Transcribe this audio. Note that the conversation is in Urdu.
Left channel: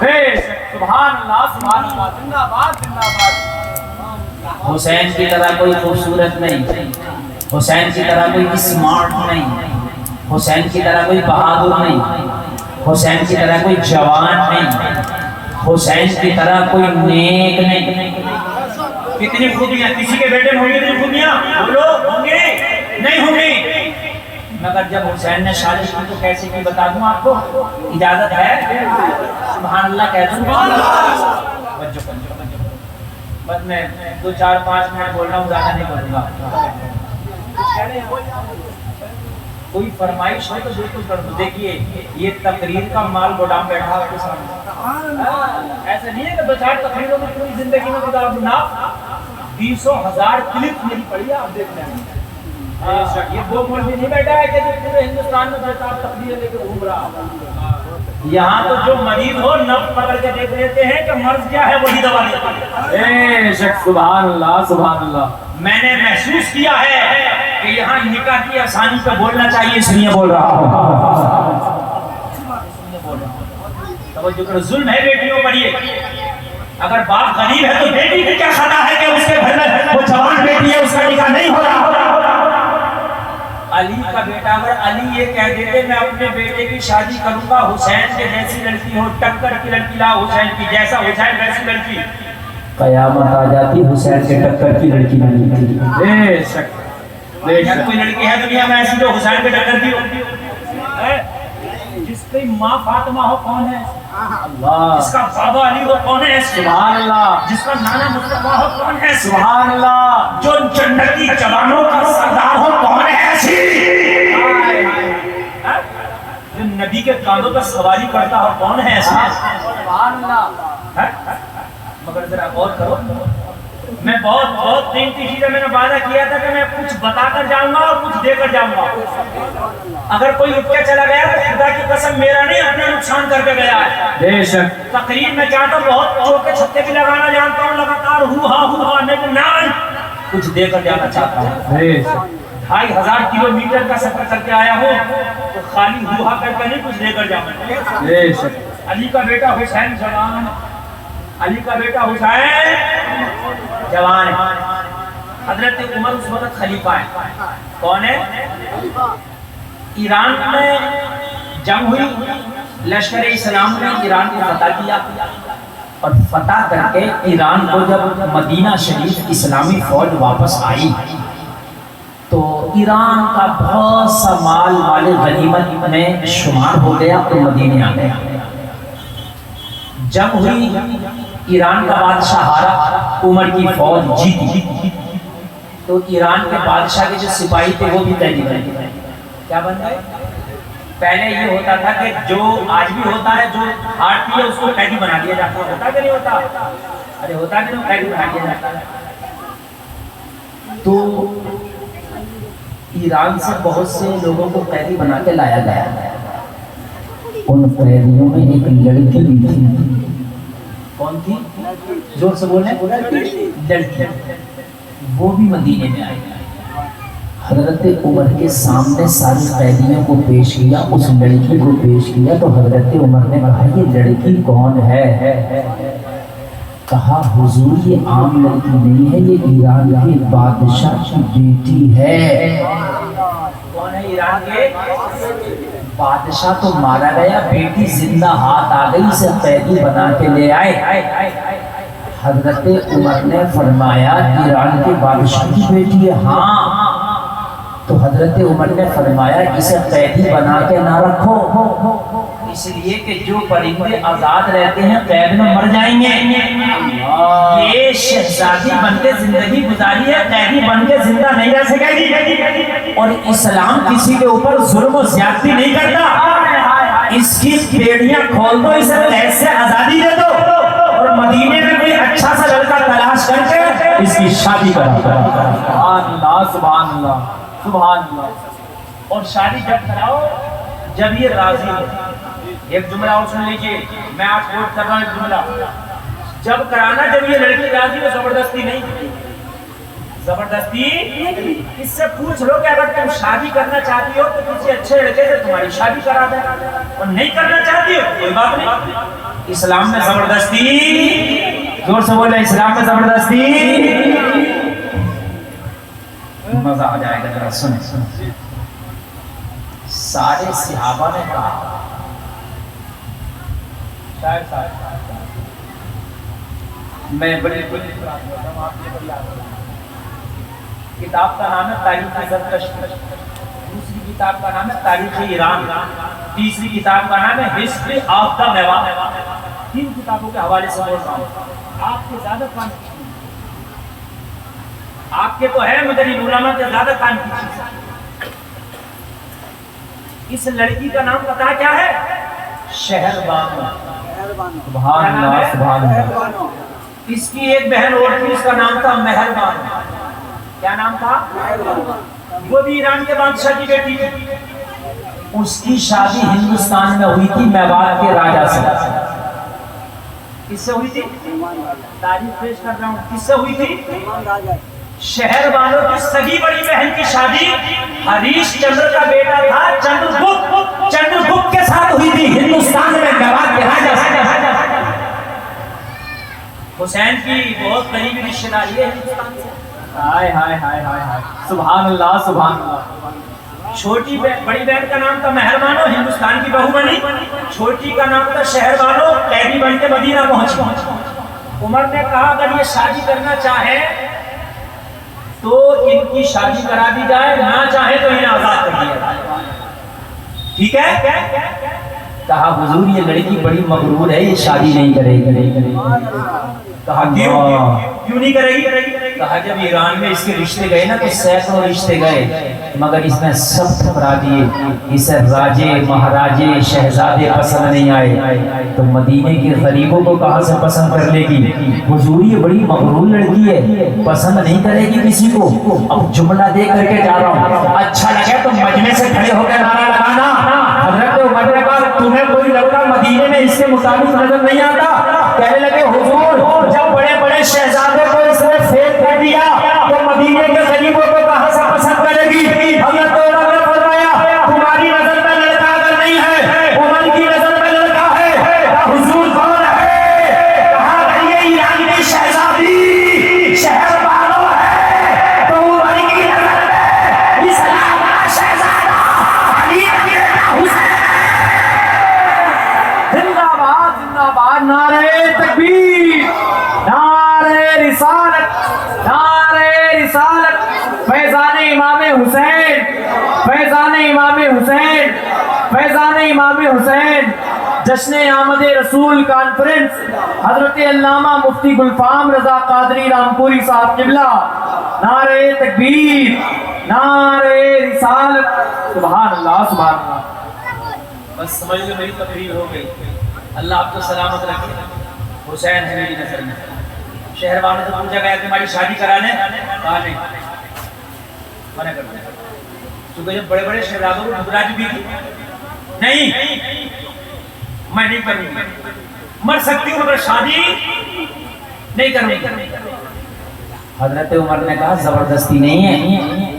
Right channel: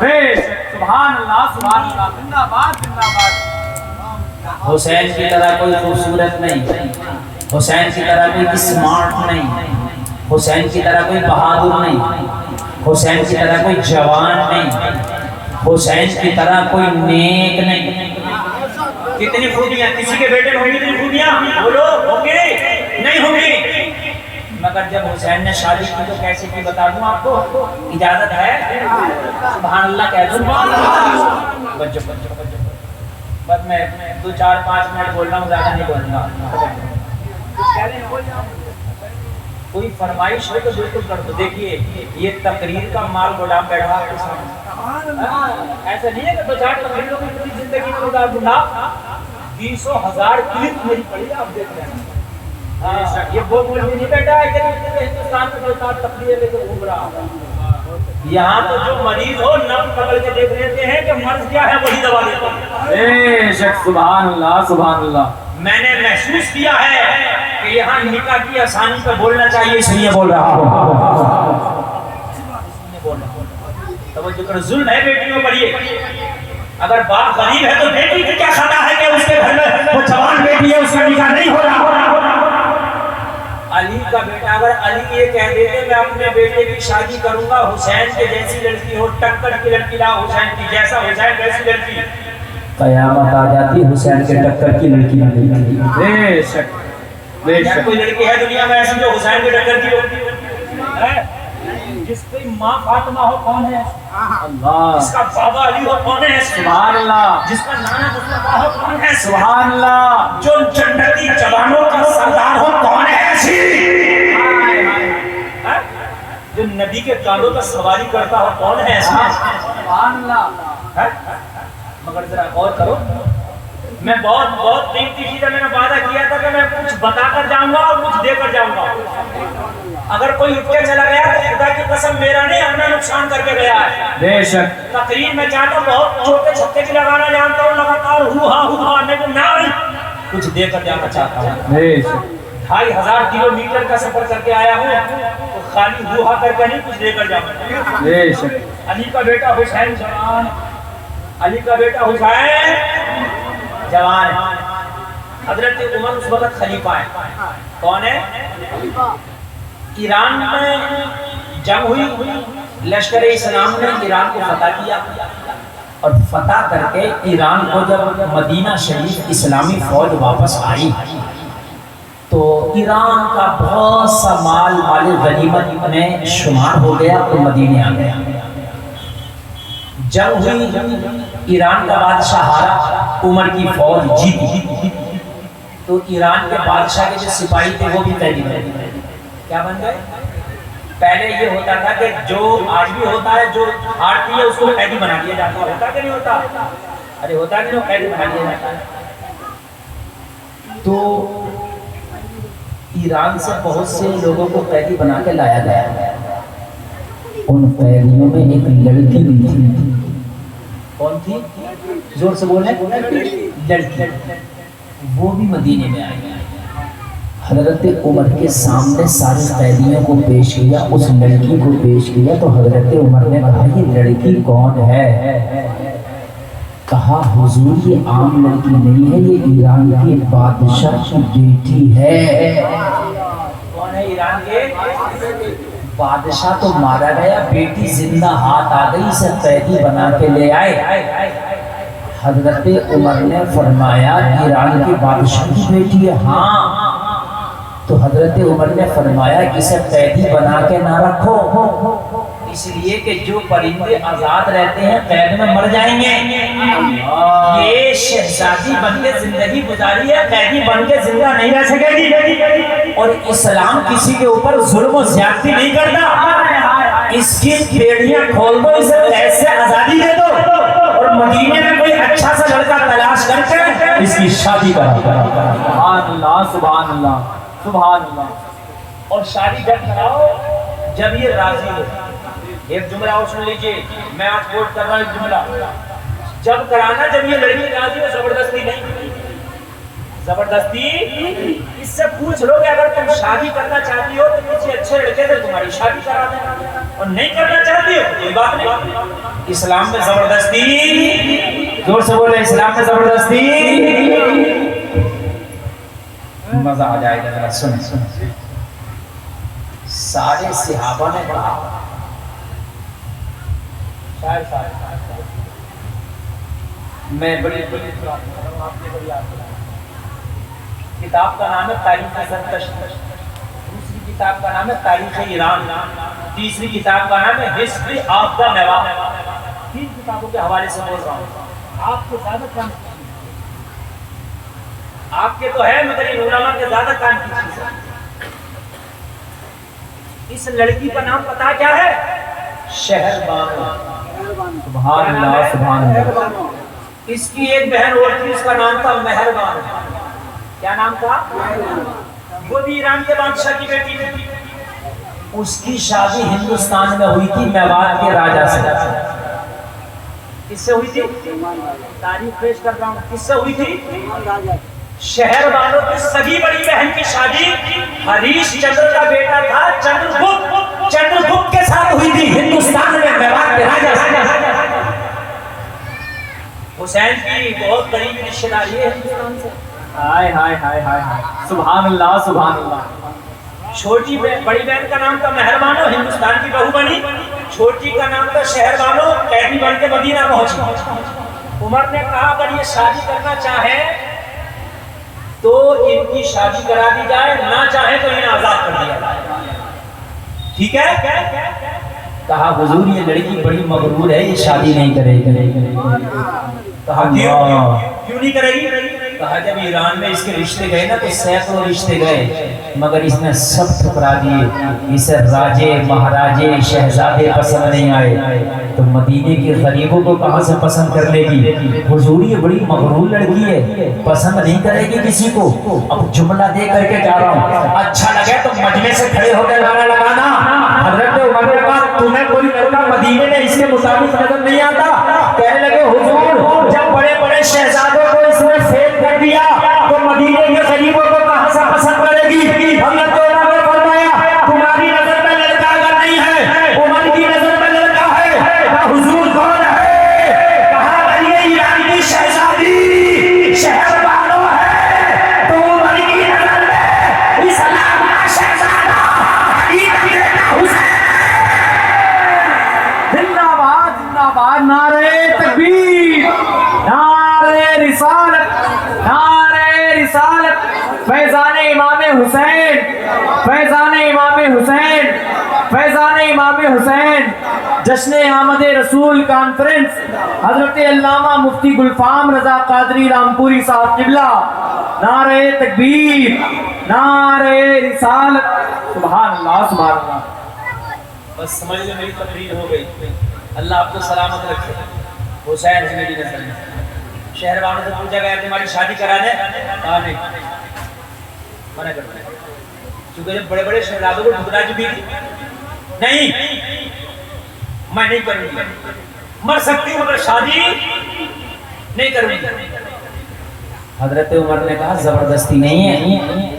سبحان اللہ سبحان اللہ، زندہ باد زندہ باد۔ حسین کی طرح کوئی خوبصورت نہیں، حسین کی طرح کوئی اسمارٹ نہیں، حسین کی طرح کوئی بہادر نہیں، حسین کی طرح کوئی جوان نہیں، حسین کی طرح کوئی نیک نہیں۔ کتنی خوبیاں کسی کے بیٹے میں ہوگی، کتنی خوبیاں بولو، ہوں گے نہیں ہوں گے؟ مگر جب حسین نے شادی کی تو کیسے کی بتا دوں آپ کو؟ اجازت ہے؟ سبحان اللہ کہہ دوں؟ بس میں 2-4-5 منٹ بول رہا ہوں، زیادہ نہیں بول رہا۔ کوئی فرمائش ہو تو بالکل کر دو۔ دیکھیے یہ تقریر کا مال گودام بیٹھا ہوا ہے سامنے، ایسا نہیں ہے کہ 2-4 تقریروں میں پوری زندگی میں گودام بنا 20,000 کلپ میری پڑی ہے، آپ دیکھ لیں۔ یہ وہ مولوی نہیں بیٹھا ہے کہ پورے ہندوستان میں 2-4 تقریریں لے کے گھوم رہا۔ یہاں تو جو مریض ہو نب پکڑ کے دیکھ لیتے ہیں کہ مرض کیا ہے وہی دوا دیتے ہیں۔ سبحان اللہ سبحان اللہ۔ میں نے محسوس کیا ہے کہ یہاں نکاح کی آسانی پر بولنا چاہیے، اس لیے بول رہا ہوں۔ توجہ کرو، ظلم ہے بیٹیوں پر یہ۔ اگر باپ غریب ہے تو بیٹی کی کیا خطا ہے کہ اس کے گھر میں وہ جوان بیٹی ہے، اس کا نکاح نہیں ہو رہا۔ علی کا بیٹا اگر علی یہ کہہ دیتے میں اپنے بیٹے کی شادی کروں گا، حسین کے جیسی لڑکی ہو، ٹکر کی لڑکی لا حسین کی، جیسا حسین ویسی لڑکی، قیامت آ جاتی حسین کے ٹکر کی لڑکی نہ ملتی۔ بے شک بے شک۔ کوئی لڑکی ہے دنیا میں ایسی جو حسین کے ٹکر کی ہو؟ جس کی ماں فاطمہ ہو کون ہے؟ اللہ۔ جس کا بابا علی ہو کون ہے؟ سبحان اللہ جس کا نانا مصطفیٰ ہو کون ہے؟ سبحان اللہ۔ جو جنتی جوانوں کا سردار ہو کون ہے ایسی؟ جو نبی کے کاندھوں پر سواری کرتا ہو کون ہے ایسی؟ سبحان اللہ۔ مگر ذرا غور کرو، میں بہت قیمتی چیز ہے، میں نے وعدہ کیا تھا کہ میں کچھ بتا کر جاؤں گا اور کچھ دے کر جاؤں گا۔ اگر کوئی اٹھ کے چلا گیا تو خدا کی قسم میرا نہیں، اپنا نقصان کر کے گیا ہے۔ بے شک۔ تقریر میں چاہتا ہوں بہت چھوٹے چھکے بھی لگانا جانتا ہوں، لگاتار ہوا لیکن میں کچھ دے کر جانا چاہتا ہوں۔ بے شک۔ 2500 کلومیٹر کا سفر کر کے آیا ہوں تو خالی ہوا کر کے نہیں، کچھ دے کر جاؤں۔ بے شک۔ علی کا بیٹا حسین جوان، علی کا بیٹا حسین جوان ہے۔ حضرت عمر اس وقت خلیفہ ہے۔ کون ہے؟ ایران میں جنگ ہوئی، لشکر اسلام نے ایران کو فتح کیا اور فتح کر کے ایران کو جب مدینہ شریف اسلامی فوج واپس آئی تو ایران کا بہت سا مال غنیمت میں شمار ہو گیا اور مدینے آ گیا۔ جنگ ہوئی، ایران کا بادشاہ ہارا، عمر کی فوج جیتی تو ایران کے بادشاہ کے جو سپاہی تھے وہ بھی قیدی بن گئے۔ کیا بن گئے؟ پہلے یہ ہوتا تھا کہ جو آج بھی ہوتا ہے، جو ہارتی ہے اس کو قیدی بنا دیا جاتا ہے، ہوتا کہ نہیں ہوتا؟ ارے ہوتا کہ نہیں، قیدی بنا دیا جاتا ہے۔ تو ایران سے بہت سے لوگوں کو قیدی بنا کے لایا گیا۔ ان قیدیوں میں ایک لڑکی بھی تھی۔ کون تھی؟ زور سے بولیں۔ لڑکی، وہ بھی مدینے میں آئی۔ حضرت عمر کے سامنے سارے قیدیوں کو پیش کیا، اس لڑکی کو پیش کیا تو حضرت عمر نے کہا یہ لڑکی کون ہے؟ کہا حضور یہ عام لڑکی نہیں ہے، یہ ایران کے بادشاہ کی بیٹی ہے۔ کون ہے ایران کے؟ بادشاہ تو مارا گیا، بیٹی زندہ ہاتھ آ گئی، اسے قیدی بنا کے لے آئے۔ حضرت عمر نے فرمایا ایران کے بادشاہ کی بیٹی ہے؟ ہاں۔ تو حضرت عمر نے فرمایا اسے قیدی بنا کے نہ رکھو، اس لیے کہ جو پرندے آزاد رہتے ہیں قید میں مر جائیں گے۔ یہ شہزادی بن کے زندگی گزاری ہے، قیدی بن کے زندہ نہیں رہ سکے گی۔ اور اسلام کسی کے اوپر ظلم و زیادتی نہیں کرتا۔ اس کی بیڑیاں کھول دو، اسے قید سے آزادی دے دو اور مدینے میں کوئی اچھا سا لڑکا تلاش کر کے اس کی شادی کرا۔ سبحان اللہ سبحان اللہ سبحان اللہ۔ اور شادی جب کراؤ جب یہ راضی ہو۔ ایک جملہ اور سن لیجئے، میں آج کوٹ کر رہا ہوں ایک جملہ، جب کرانا جب یہ لڑکی راضی ہو، زبردستی نہیں، زبردستی۔ اس سے پوچھ لو کہ اگر تم شادی کرنا چاہتی ہو تو کسی اچھے لڑکے سے تمہاری شادی کرا دیں، اور نہیں کرنا چاہتی ہو کوئی بات نہیں، اسلام میں زبردستی، زور سے بولے اسلام میں زبردستی، مزہ آ جائے گا ذرا سن۔ سارے صحابہ نے کہا، میں بڑی کتاب کا نام ہے تاریخ زرتشت، دوسری کتاب کا نام ہے تاریخ ایران، تیسری کتاب کا نام ہے ہسٹری آف دا میوہ۔ تین کتابوں کے حوالے سے بول رہا ہوں، آپ کے زیادہ کام کی چیز، آپ کے تو ہے مدرین علماء کے زیادہ کام کی چیز ہے۔ اس لڑکی کا نام پتا کیا ہے؟ شہر بانو۔ سبحان اللہ سبحان اللہ۔ اس کی ایک بہن اور تھی، اس کا نام تھا مہربان۔ کیا نام تھا؟ وہ بھی ایران کے بادشاہ کی بیٹی تھی۔ اس کی شادی ہندوستان میں ہوئی تھی میوات کے راجا سے۔ کس سے ہوئی تھی؟ تاریخ پیش کر رہا ہوں، کس سے ہوئی تھی؟ شہر والوں کی سگی بڑی بہن کی شادی ہریش چندر کا بیٹا تھا چندرگپت کے ساتھ ہوئی تھی، ہندوستان میں میوات کے راجا سے۔ حسین کی بہت قریبی رشتہ داری ہے ہندوستان سے۔ ہائے ہائے ہائے ہائے، سبحان اللہ سبحان اللہ۔ چھوٹی بڑی بہن کا نام تھا مہربانو، ہندوستان کی بہو بنی۔ چھوٹی کا نام تھا شہر والو، قیدی بن کے مدینہ پہنچی۔ عمر نے کہا اگر یہ شادی کرنا چاہے تو ان کی شادی کرا دی جائے، نہ چاہے تو انہیں آزاد کر دیا جائے، ٹھیک ہے؟ کہا حضور یہ لڑکی بڑی مغرور ہے، یہ شادی نہیں کرے گی۔ کہا کیوں نہیں کرے گی؟ کہا جب ایران میں اس کے رشتے گئے نا تو سینکڑوں رشتے گئے، مگر اس نے سب ٹھکرا دیے۔ اسے راجے مہاراجے شہزادے پسند نہیں آئے، تو مدینے کے غریبوں کو کہاں سے پسند کر لے گی؟ حضور یہ بڑی مغرور لڑکی ہے، پسند نہیں کرے گی کسی کو۔ اب جملہ دے کر کے جا رہا ہوں، اچھا لگے تو مجمع سے کھڑے ہو کے نعرہ لگانا۔ حضرت عمر نے کہا تمہیں کوئی لڑکا مدینے میں اس کے مطابق نظر نہیں آتا؟ کہنے لگے حضور جب بڑے بڑے شہزادوں کو اس نے فیل کر دیا تو مدینے کے غریبوں کو کہاں سے پسند کرے گی؟ حضرت عمر نے فرمایا تمہاری نظر میں لڑکا اگر نہیں ہے، عمر کی نظر میں لڑکا ہے۔ حضور کون ہے؟ کہا یہ ایران کی شہزادی شہر والوں ہے، تو عمر کی نظر میں اسلام کا شہزادہ علی کا بیٹا حسین۔ زندہ باد زندہ باد، نعرہ تکبیر، نعرہ رسالت، نعرہ رسالت، فیضان امام حسین، فیضان امام حسین، فیضان امام حسین۔ جشن آمد رسول کانفرنس حضرت علامہ مفتی گلفام رضا قادری رامپوری صاحب قبلہ، نعرہ تکبیر، نعرہ رسالت، سبحان اللہ سبحان اللہ۔ بس سمجھ لو میری تقریر ہو گئی، اللہ آپ کو سلامت رکھے۔ حسین ہے میری نظر میں۔ شہر والوں سے پوچھا گیا تمہاری شادی کرانے، کہا نہیں، منع کر دیا، چونکہ جب بڑے بڑے شہزادوں کو ٹھکرا چکی تھی، نہیں میں نہیں کروں گی، مر سکتی ہوں مگر شادی نہیں کروں گی۔ حضرت عمر نے کہا زبردستی نہیں ہے،